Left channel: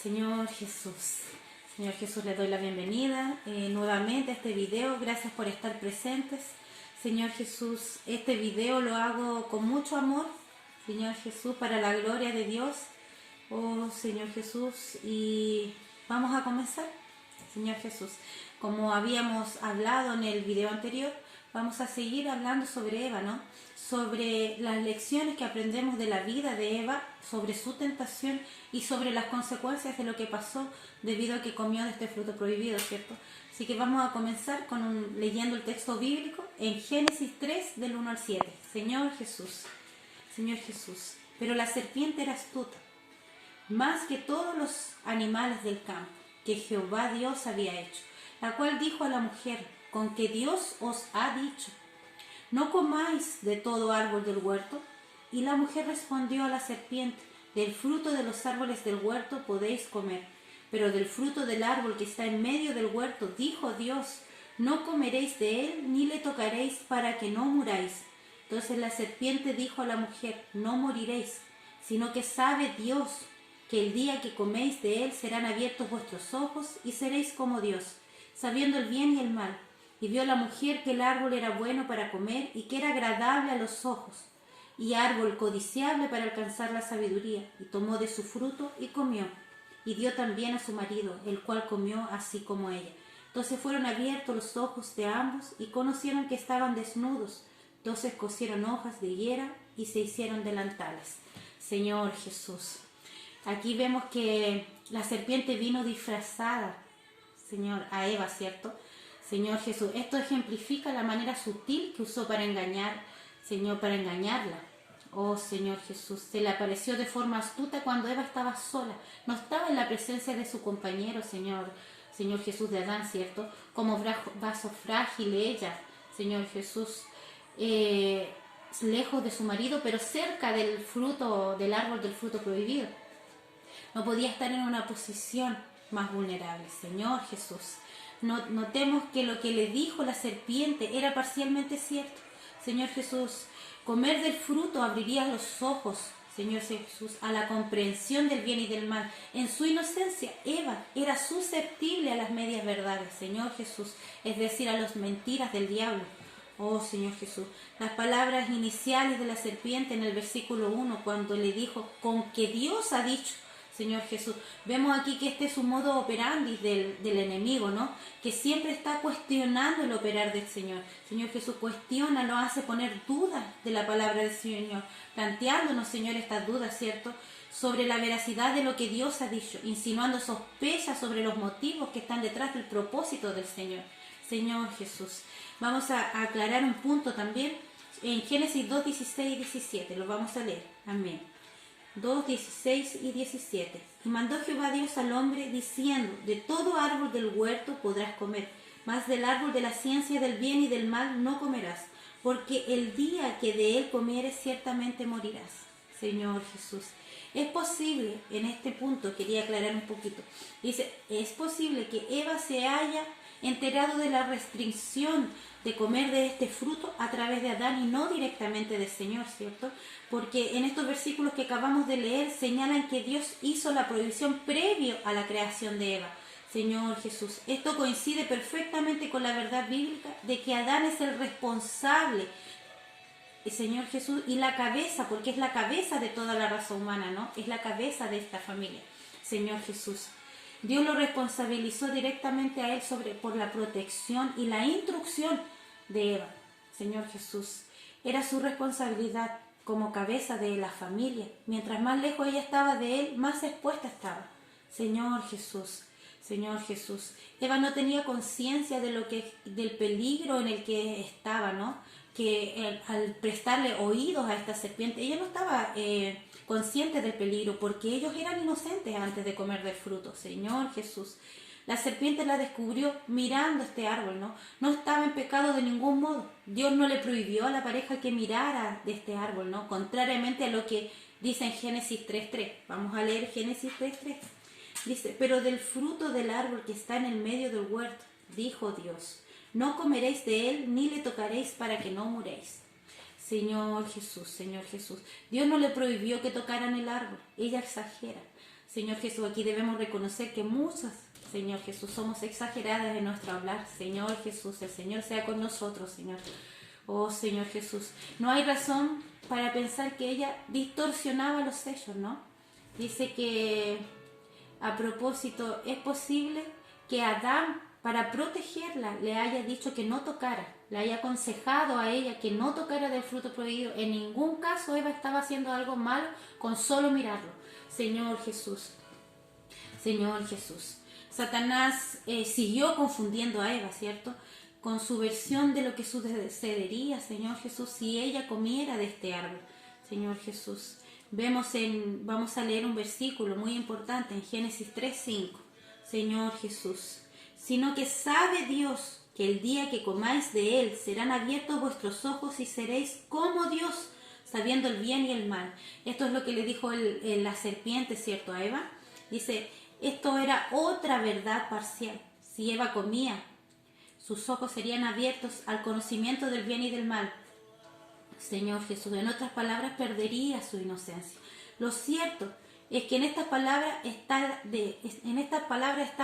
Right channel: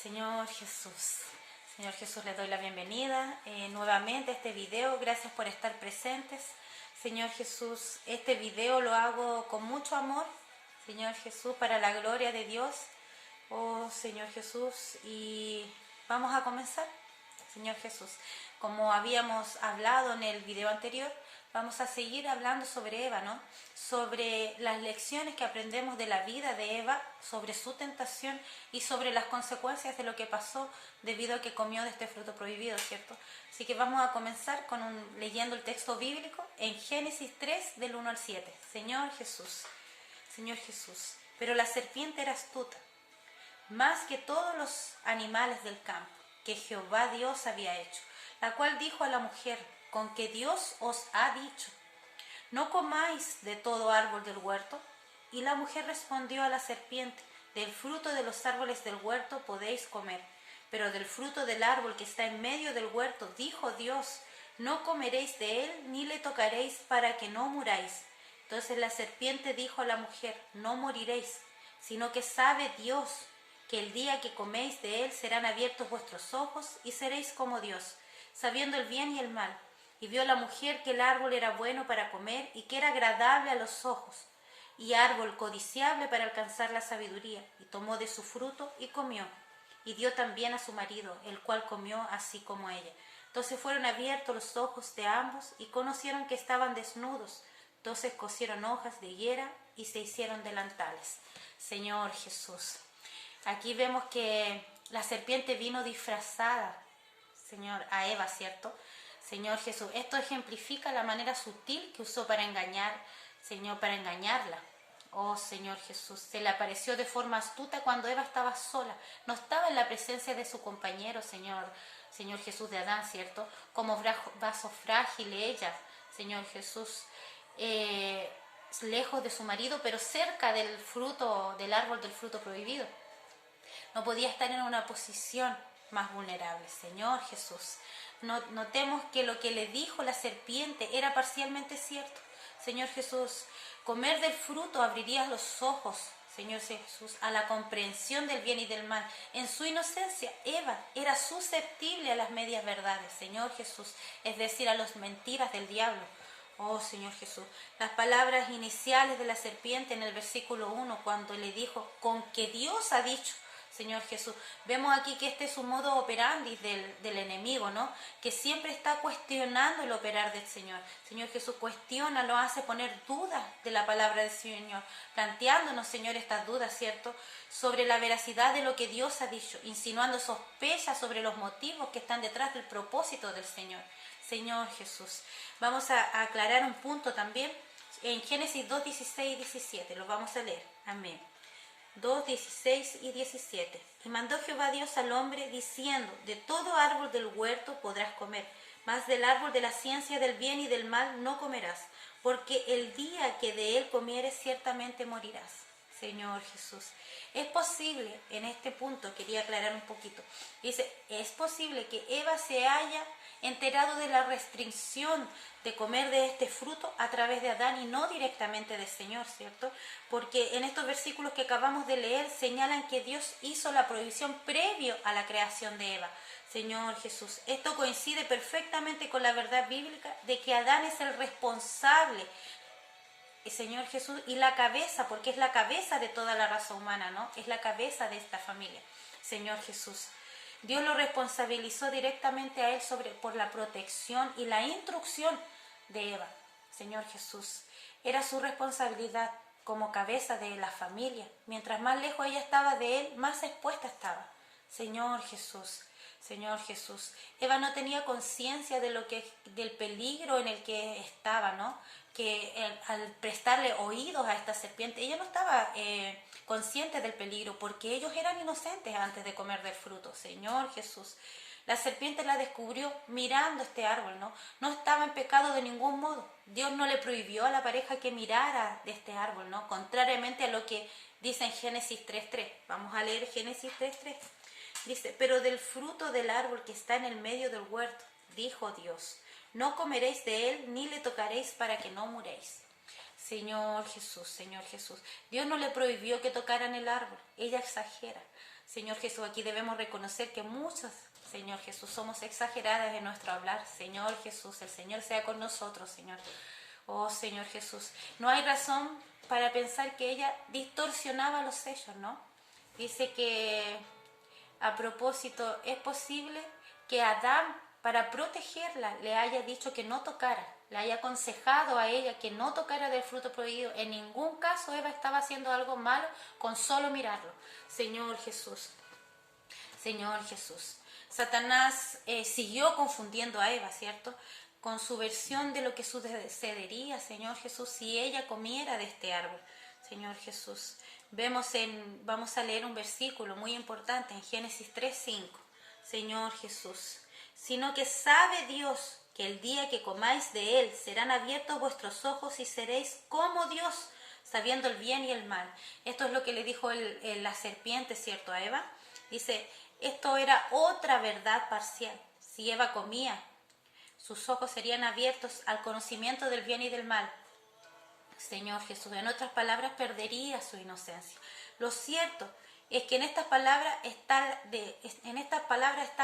Señor Jesús, les doy la bienvenida nuevamente a este video. Gracias por estar presentes. Señor Jesús, este video lo hago con mucho amor, Señor Jesús, para la gloria de Dios. Oh, Señor Jesús, y vamos a comenzar, Señor Jesús. Como habíamos hablado en el video anterior, vamos a seguir hablando sobre Eva, ¿no? Sobre las lecciones que aprendemos de la vida de Eva, sobre su tentación y sobre las consecuencias de lo que pasó debido a que comió de este fruto prohibido, ¿cierto? Así que vamos a comenzar leyendo el texto bíblico en Génesis 3, del 1 al 7. Señor Jesús, pero la serpiente era astuta, más que todos los animales del campo que Jehová Dios había hecho, la cual dijo a la mujer: con que Dios os ha dicho, no comáis de todo árbol del huerto. Y la mujer respondió a la serpiente: del fruto de los árboles del huerto podéis comer, pero del fruto del árbol que está en medio del huerto, dijo Dios, no comeréis de él ni le tocaréis, para que no muráis. Entonces la serpiente dijo a la mujer: no moriréis, sino que sabe Dios que el día que coméis de él serán abiertos vuestros ojos y seréis como Dios, sabiendo el bien y el mal. Y vio la mujer que el árbol era bueno para comer y que era agradable a los ojos, y árbol codiciable para alcanzar la sabiduría, y tomó de su fruto y comió, y dio también a su marido, el cual comió así como ella. Entonces fueron abiertos los ojos de ambos y conocieron que estaban desnudos. Entonces cosieron hojas de higuera y se hicieron delantales. Señor Jesús, aquí vemos que la serpiente vino disfrazada, Señor, a Eva, ¿cierto? Señor Jesús, esto ejemplifica la manera sutil que usó para engañar, Señor, para engañarla. Oh, Señor Jesús, se le apareció de forma astuta cuando Eva estaba sola, no estaba en la presencia de su compañero, Señor Jesús, de Adán, ¿cierto? Como vaso frágil ella, Señor Jesús, lejos de su marido, pero cerca del árbol del fruto prohibido. No podía estar en una posición más vulnerable, Señor Jesús. Notemos que lo que le dijo la serpiente era parcialmente cierto. Señor Jesús, comer del fruto abriría los ojos, Señor Jesús, a la comprensión del bien y del mal. En su inocencia, Eva era susceptible a las medias verdades, Señor Jesús, es decir, a las mentiras del diablo. Oh, Señor Jesús, las palabras iniciales de la serpiente en el versículo 1, cuando le dijo, con que Dios ha dicho, Señor Jesús, vemos aquí que este es un modo operandi del enemigo, ¿no? Que siempre está cuestionando el operar del Señor. Señor Jesús, cuestiona, nos hace poner dudas de la palabra del Señor, planteándonos, Señor, estas dudas, ¿cierto?, sobre la veracidad de lo que Dios ha dicho, insinuando sospechas sobre los motivos que están detrás del propósito del Señor. Señor Jesús, vamos a aclarar un punto también en Génesis 2, 16 y 17, lo vamos a leer. Amén. 2, 16 y 17. Y mandó Jehová Dios al hombre, diciendo, de todo árbol del huerto podrás comer, mas del árbol de la ciencia del bien y del mal no comerás, porque el día que de él comieres ciertamente morirás. Señor Jesús, es posible, en este punto quería aclarar un poquito, dice, es posible que Eva se haya enterado de la restricción de comer de este fruto a través de Adán y no directamente del Señor, ¿cierto? Porque en estos versículos que acabamos de leer señalan que Dios hizo la prohibición previo a la creación de Eva. Señor Jesús, esto coincide perfectamente con la verdad bíblica de que Adán es el responsable, Señor Jesús, y la cabeza, porque es la cabeza de toda la raza humana, ¿no? Es la cabeza de esta familia, Señor Jesús. Dios lo responsabilizó directamente a él por la protección y la instrucción de Eva. Señor Jesús, era su responsabilidad como cabeza de la familia. Mientras más lejos ella estaba de él, más expuesta estaba. Señor Jesús, Eva no tenía conciencia del peligro en el que estaba, ¿no? Que al prestarle oídos a esta serpiente, ella no estaba consciente del peligro, porque ellos eran inocentes antes de comer del fruto. Señor Jesús, la serpiente la descubrió mirando este árbol, ¿no? No estaba en pecado de ningún modo. Dios no le prohibió a la pareja que mirara de este árbol, ¿no? Contrariamente a lo que dice en Génesis 3.3. Vamos a leer Génesis 3.3. Dice, pero del fruto del árbol que está en el medio del huerto, dijo Dios, no comeréis de él ni le tocaréis para que no muréis. Señor Jesús, Dios no le prohibió que tocaran el árbol. Ella exagera. Señor Jesús, aquí debemos reconocer que muchas, Señor Jesús, somos exageradas en nuestro hablar. Señor Jesús, el Señor sea con nosotros, Señor. Oh, Señor Jesús, no hay razón para pensar que ella distorsionaba los sellos, ¿no? Dice que, a propósito, es posible que Adán, para protegerla, le haya dicho que no tocara, le haya aconsejado a ella que no tocara del fruto prohibido. En ningún caso Eva estaba haciendo algo malo con solo mirarlo. Señor Jesús, Señor Jesús. Satanás siguió confundiendo a Eva, ¿cierto?, con su versión de lo que sucedería, Señor Jesús, si ella comiera de este árbol. Señor Jesús, vamos a leer un versículo muy importante en Génesis 3:5. Señor Jesús, sino que sabe Dios que el día que comáis de él serán abiertos vuestros ojos y seréis como Dios, sabiendo el bien y el mal. Esto es lo que le dijo la serpiente, ¿cierto?, a Eva. Dice, esto era otra verdad parcial. Si Eva comía, sus ojos serían abiertos al conocimiento del bien y del mal. Señor Jesús, en otras palabras, perdería su inocencia. Lo cierto es que en estas palabras está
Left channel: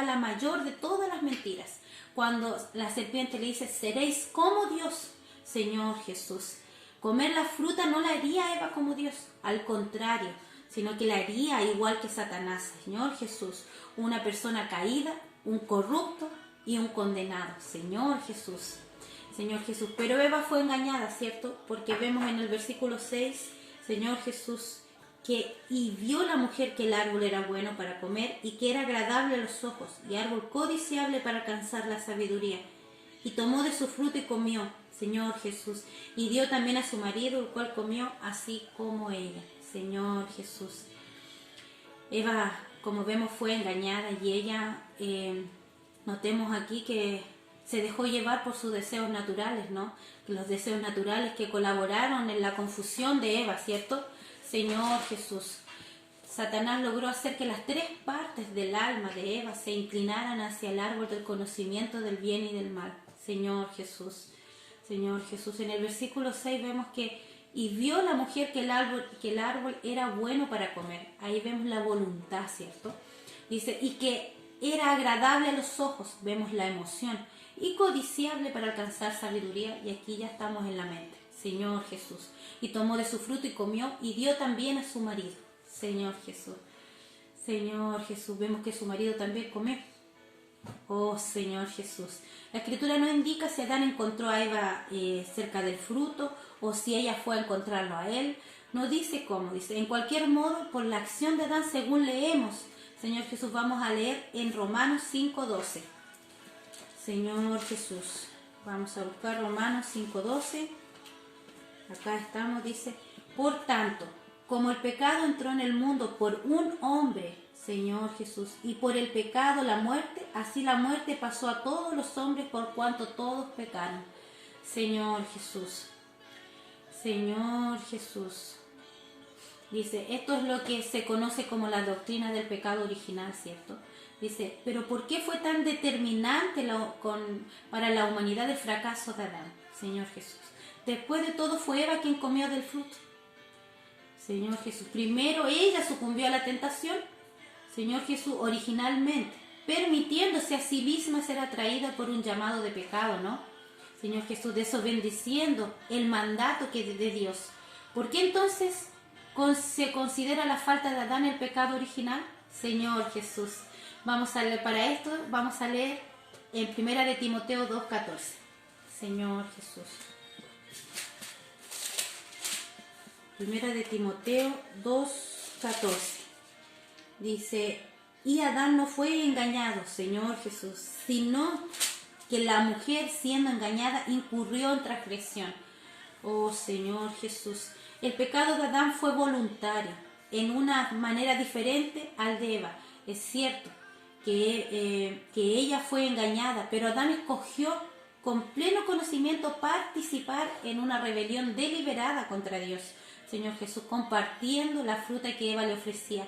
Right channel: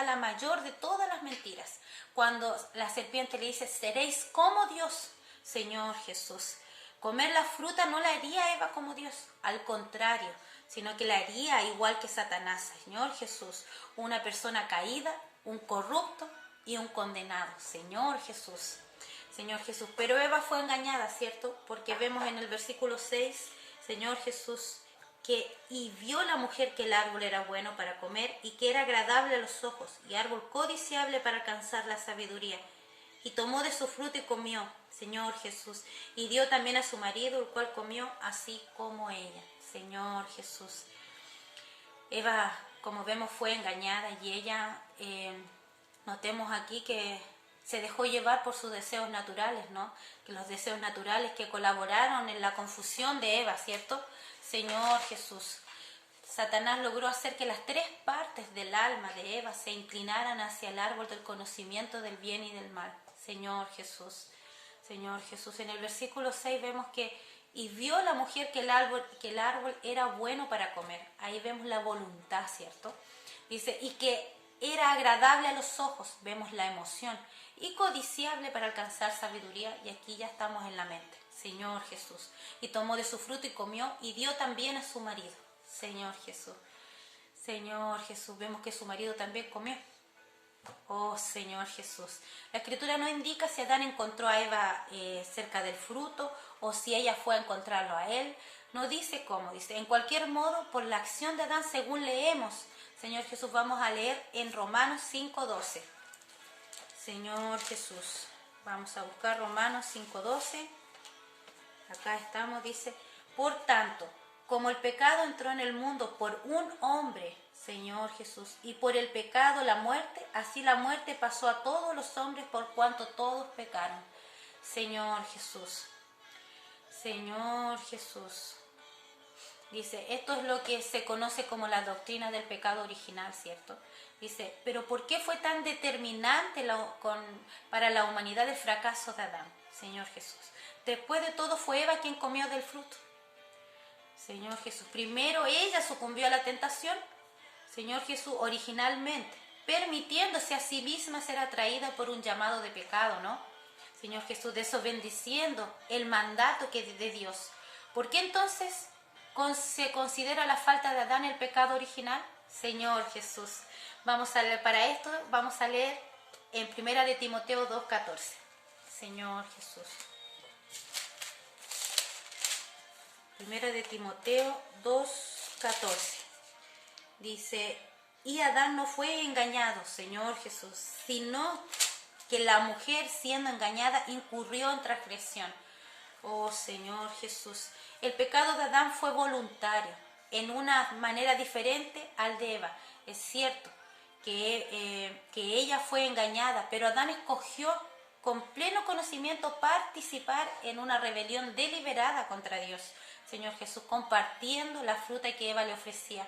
la mayor de todas las mentiras. Cuando la serpiente le dice, seréis como Dios, Señor Jesús. Comer la fruta no la haría a Eva como Dios, al contrario, sino que la haría igual que Satanás. Señor Jesús, una persona caída, un corrupto y un condenado. Señor Jesús, Señor Jesús. Pero Eva fue engañada, ¿cierto? Porque vemos en el versículo 6, Señor Jesús, y vio la mujer que el árbol era bueno para comer y que era agradable a los ojos y árbol codiciable para alcanzar la sabiduría. Y tomó de su fruto y comió, Señor Jesús, y dio también a su marido, el cual comió así como ella. Señor Jesús. Eva, como vemos, fue engañada y ella, notemos aquí que se dejó llevar por sus deseos naturales, ¿no? Que los deseos naturales que colaboraron en la confusión de Eva, ¿cierto? Señor Jesús. Satanás logró hacer que las tres partes del alma de Eva se inclinaran hacia el árbol del conocimiento del bien y del mal. Señor Jesús. Señor Jesús. En el versículo 6 vemos que y vio la mujer que el árbol era bueno para comer. Ahí vemos la voluntad, ¿cierto? Dice, y que era agradable a los ojos, vemos la emoción, y codiciable para alcanzar sabiduría, y aquí ya estamos en la mente. Señor Jesús. Y tomó de su fruto y comió, y dio también a su marido. Señor Jesús. Señor Jesús. Vemos que su marido también comió. Oh Señor Jesús. La Escritura no indica si Adán encontró a Eva cerca del fruto o si ella fue a encontrarlo a él. No dice cómo, dice, en cualquier modo, por la acción de Adán, según leemos. Señor Jesús, vamos a leer en Romanos 5:12. Señor Jesús, vamos a buscar Romanos 5:12. Acá estamos, dice, por tanto, como el pecado entró en el mundo por un hombre, Señor Jesús, y por el pecado la muerte, así la muerte pasó a todos los hombres por cuanto todos pecaron. Señor Jesús. Señor Jesús. Dice, esto es lo que se conoce como la doctrina del pecado original, ¿cierto? Dice, pero ¿por qué fue tan determinante para la humanidad el fracaso de Adán? Señor Jesús. Después de todo fue Eva quien comió del fruto. Señor Jesús. Primero ella sucumbió a la tentación. Señor Jesús, originalmente, permitiéndose a sí misma ser atraída por un llamado de pecado, ¿no? Señor Jesús, desobedeciendo el mandato de Dios. ¿Por qué entonces se considera la falta de Adán el pecado original? Señor Jesús, para esto vamos a leer en 1 de Timoteo 2:14. Señor Jesús. 1 de Timoteo 2:14. Dice, y Adán no fue engañado, Señor Jesús, sino que la mujer siendo engañada incurrió en transgresión. Oh Señor Jesús, el pecado de Adán fue voluntario, en una manera diferente al de Eva. Es cierto que ella fue engañada, pero Adán escogió con pleno conocimiento participar en una rebelión deliberada contra Dios. Señor Jesús, compartiendo la fruta que Eva le ofrecía.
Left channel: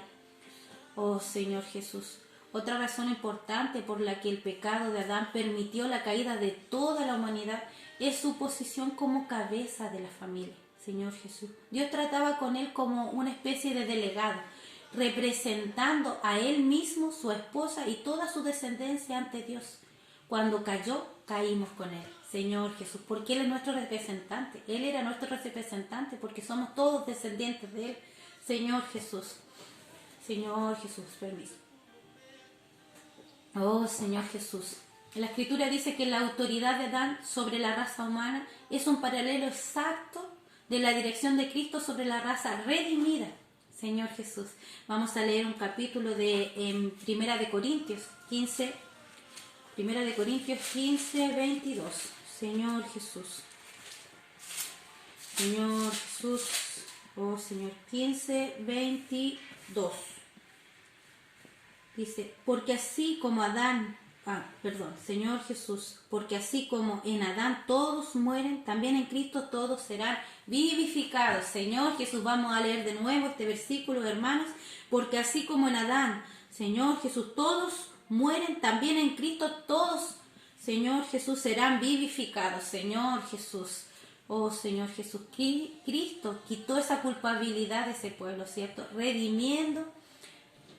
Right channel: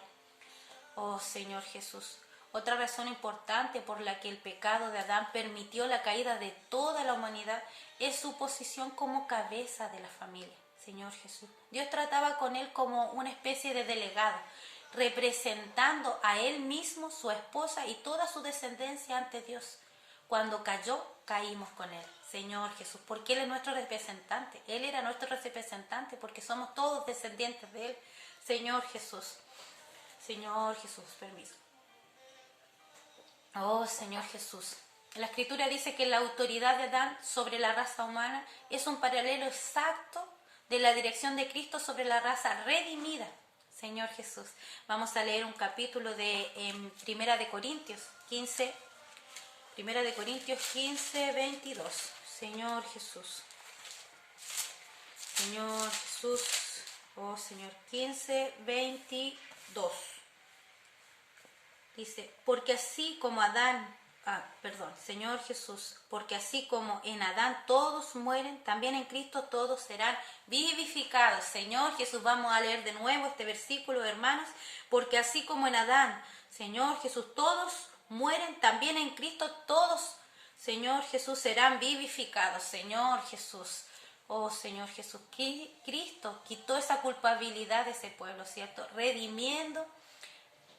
Oh Señor Jesús, otra razón importante por la que el pecado de Adán permitió la caída de toda la humanidad es su posición como cabeza de la familia. Señor Jesús, Dios trataba con él como una especie de delegado, representando a él mismo, su esposa y toda su descendencia ante Dios. Cuando cayó, caímos con él, Señor Jesús, porque él es nuestro representante. Él era nuestro representante porque somos todos descendientes de él, Señor Jesús. Señor Jesús, permiso. Oh, Señor Jesús. La Escritura dice que la autoridad de Adán sobre la raza humana es un paralelo exacto de la dirección de Cristo sobre la raza redimida. Señor Jesús. Vamos a leer un capítulo de Primera de Corintios 15. Primera de Corintios 15, 22. Señor Jesús. Señor Jesús. Oh, Señor. 15, 22. Dice, porque así como Señor Jesús, porque así como en Adán todos mueren, también en Cristo todos serán vivificados. Señor Jesús, vamos a leer de nuevo este versículo, hermanos, porque así como en Adán, Señor Jesús, todos mueren, también en Cristo todos, Señor Jesús, serán vivificados. Señor Jesús, oh Señor Jesús, Cristo quitó esa culpabilidad de ese pueblo, ¿cierto? Redimiendo,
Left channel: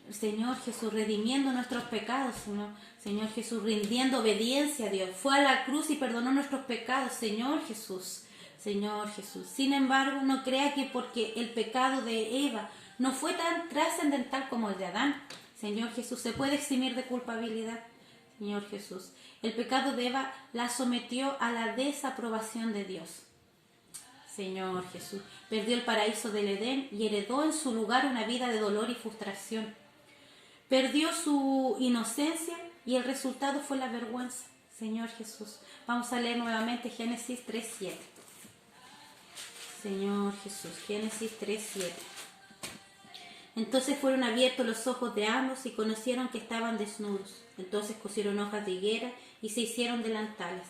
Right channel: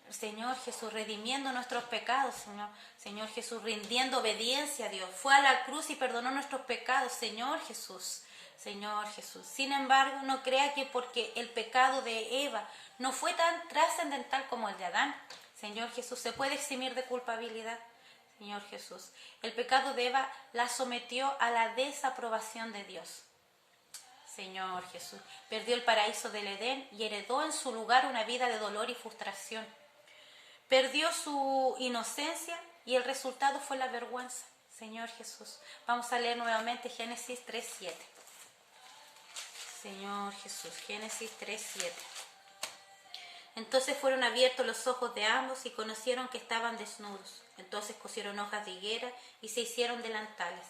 Señor Jesús, redimiendo nuestros pecados, Señor Jesús, rindiendo obediencia a Dios. Fue a la cruz y perdonó nuestros pecados, Señor Jesús, Señor Jesús. Sin embargo, no crea que porque el pecado de Eva no fue tan trascendental como el de Adán, Señor Jesús, se puede eximir de culpabilidad, Señor Jesús. El pecado de Eva la sometió a la desaprobación de Dios. Señor Jesús, perdió el paraíso del Edén y heredó en su lugar una vida de dolor y frustración. Perdió su inocencia y el resultado fue la vergüenza. Señor Jesús. Vamos a leer nuevamente Génesis 3:7. Señor Jesús, Génesis 3:7. Entonces fueron abiertos los ojos de ambos y conocieron que estaban desnudos. Entonces cosieron hojas de higuera y se hicieron delantales.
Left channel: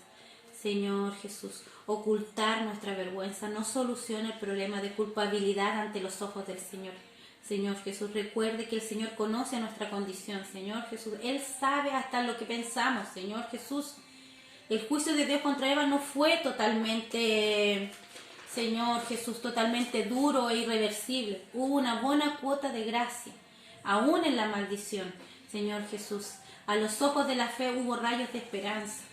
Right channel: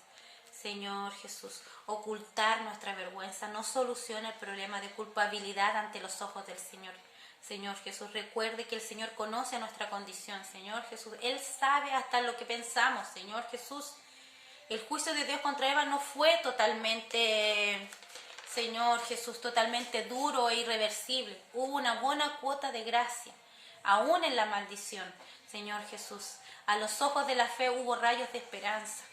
Señor Jesús, ocultar nuestra vergüenza no soluciona el problema de culpabilidad ante los ojos del Señor. Señor Jesús, recuerde que el Señor conoce nuestra condición, Señor Jesús. Él sabe hasta lo que pensamos, Señor Jesús. El juicio de Dios contra Eva no fue totalmente, Señor Jesús, totalmente duro e irreversible. Hubo una buena cuota de gracia, aún en la maldición, Señor Jesús. A los ojos de la fe hubo rayos de esperanza.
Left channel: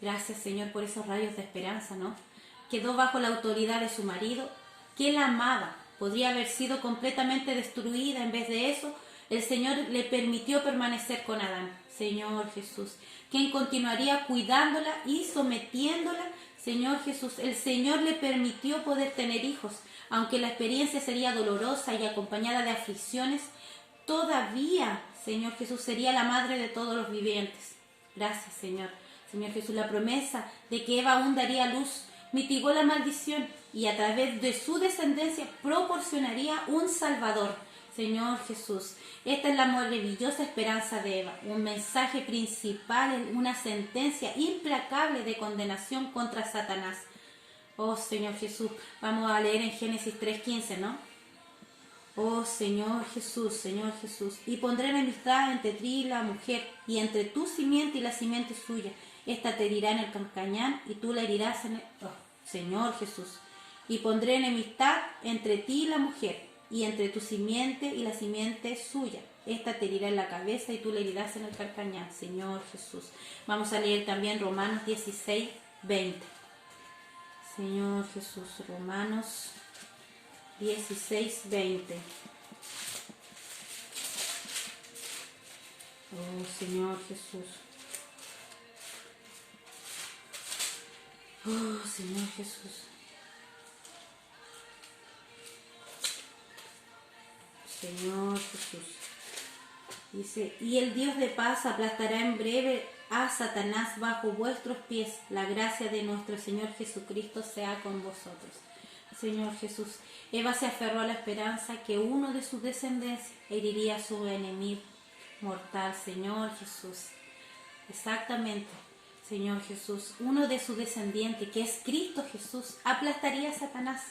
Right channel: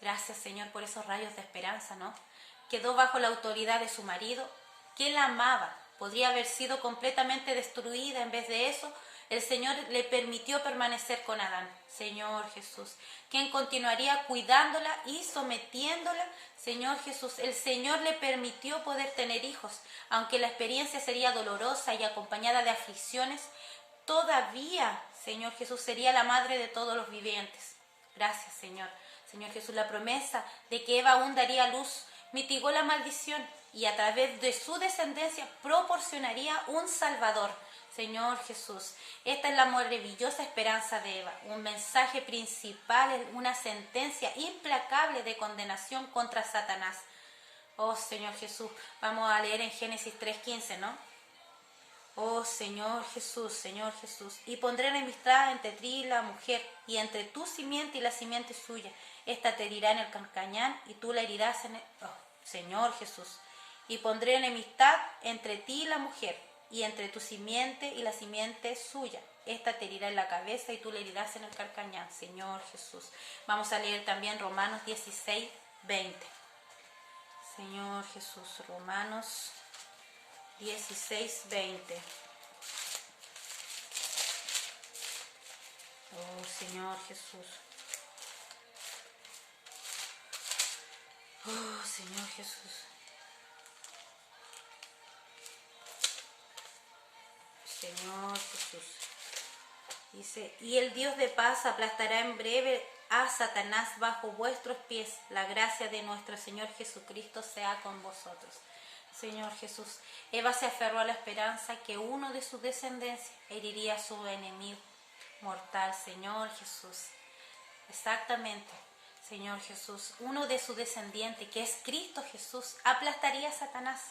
Gracias, Señor, por esos rayos de esperanza, ¿no? Quedó bajo la autoridad de su marido, que la amaba. Podría haber sido completamente destruida. En vez de eso, el Señor le permitió permanecer con Adán. Señor Jesús, quien continuaría cuidándola y sometiéndola. Señor Jesús, el Señor le permitió poder tener hijos. Aunque la experiencia sería dolorosa y acompañada de aflicciones, todavía, Señor Jesús, sería la madre de todos los vivientes. Gracias, Señor. Señor Jesús, la promesa de que Eva aún daría luz mitigó la maldición y a través de su descendencia proporcionaría un Salvador. Señor Jesús, esta es la maravillosa esperanza de Eva, un mensaje principal, una sentencia implacable de condenación contra Satanás. Oh Señor Jesús, vamos a leer en Génesis 3:15, ¿no? Oh Señor Jesús, Señor Jesús, y pondré enemistad entre ti y la mujer, y entre tu simiente y la simiente suya. Esta te herirá en el calcañán y tú la herirás en el... Oh, Señor Jesús. Y pondré enemistad entre ti y la mujer, y entre tu simiente y la simiente suya. Esta te herirá en la cabeza y tú la herirás en el calcañán. Señor Jesús. Vamos a leer también Romanos 16:20. Señor Jesús, Romanos 16:20. Oh Señor Jesús. Oh Señor Jesús. Señor Jesús. Dice, y el Dios de paz aplastará en breve a Satanás bajo vuestros pies. La gracia de nuestro Señor Jesucristo sea con vosotros. Señor Jesús, Eva se aferró a la esperanza que uno de su descendencia heriría a su enemigo mortal. Señor Jesús, exactamente, Señor Jesús, uno de su descendiente, que es Cristo Jesús, aplastaría a Satanás.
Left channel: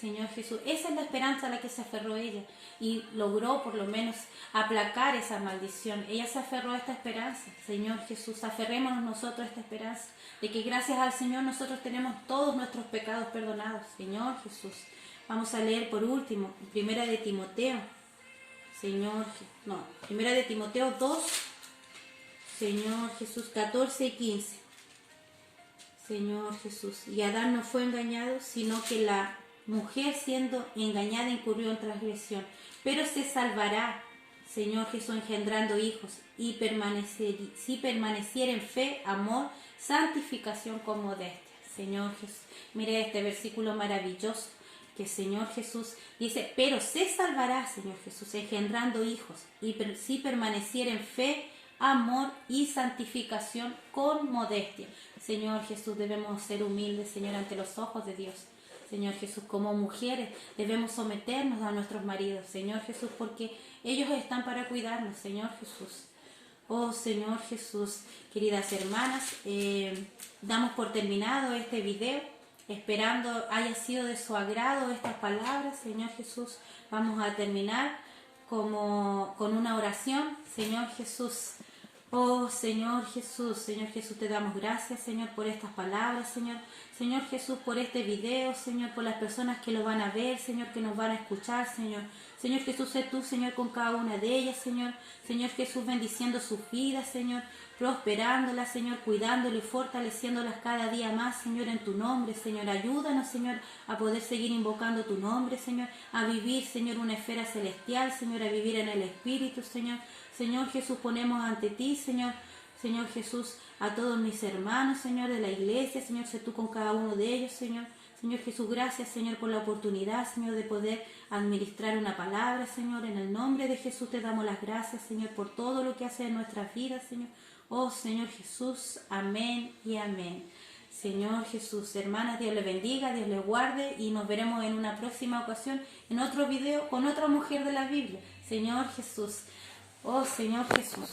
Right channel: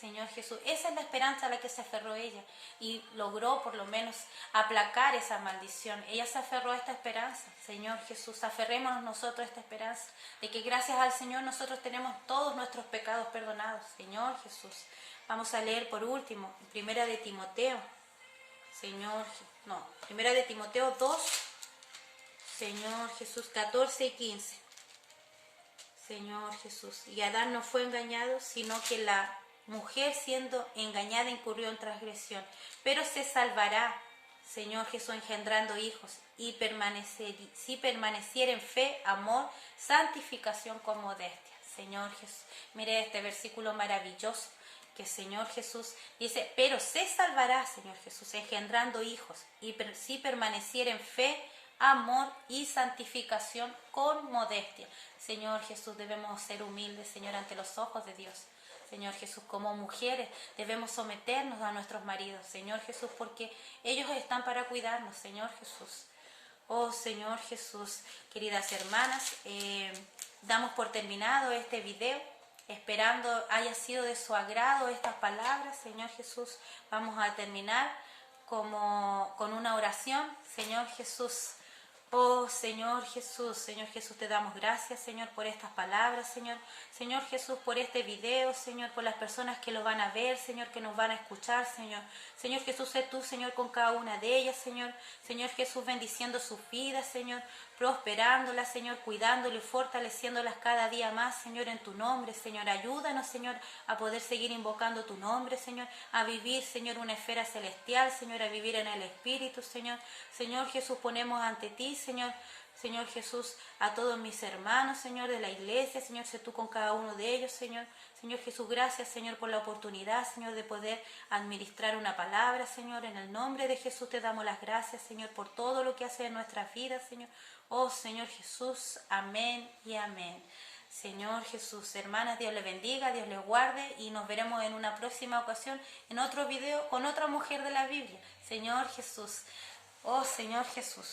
Señor Jesús, esa es la esperanza a la que se aferró ella y logró por lo menos aplacar esa maldición. Ella se aferró a esta esperanza. Señor Jesús, aferrémonos nosotros a esta esperanza de que gracias al Señor nosotros tenemos todos nuestros pecados perdonados. Señor Jesús, vamos a leer por último, Primera de Timoteo Señor, no, primera de Timoteo 2, Señor Jesús, 14 y 15. Señor Jesús, y Adán no fue engañado, sino que la mujer siendo engañada incurrió en transgresión, pero se salvará, Señor Jesús, engendrando hijos, y si permaneciera en fe, amor, santificación con modestia. Señor Jesús, mire este versículo maravilloso, que Señor Jesús dice, pero se salvará, Señor Jesús, engendrando hijos, y si permaneciera en fe, amor y santificación con modestia. Señor Jesús, debemos ser humildes, Señor, ante los ojos de Dios. Señor Jesús, como mujeres debemos someternos a nuestros maridos, Señor Jesús, porque ellos están para cuidarnos, Señor Jesús. Oh Señor Jesús, queridas hermanas, damos por terminado este video, esperando haya sido de su agrado estas palabras, Señor Jesús. Vamos a terminar con una oración, Señor Jesús. Oh Señor Jesús, te damos gracias, Señor, por estas palabras, Señor. Señor Jesús, por este video, Señor, por las personas que lo van a ver, Señor, que nos van a escuchar, Señor. Señor Jesús, sé tú, Señor, con cada una de ellas, Señor. Señor Jesús, bendiciendo sus vidas, Señor, prosperándolas, Señor, cuidándolas y fortaleciéndolas cada día más, Señor, en tu nombre, Señor. Ayúdanos, Señor, a poder seguir invocando tu nombre, Señor, a vivir, Señor, una esfera celestial, Señor, a vivir en el Espíritu, Señor. Señor Jesús, ponemos ante ti, Señor, Señor Jesús, a todos mis hermanos, Señor, de la iglesia, Señor, sé tú con cada uno de ellos, Señor. Señor Jesús, gracias, Señor, por la oportunidad, Señor, de poder administrar una palabra, Señor. En el nombre de Jesús te damos las gracias, Señor, por todo lo que hace en nuestras vidas, Señor. Oh, Señor Jesús, amén y amén. Señor Jesús, hermanas, Dios les bendiga, Dios les guarde y nos veremos en una próxima ocasión en otro video con otra mujer de la Biblia. Señor Jesús, oh Señor Jesús.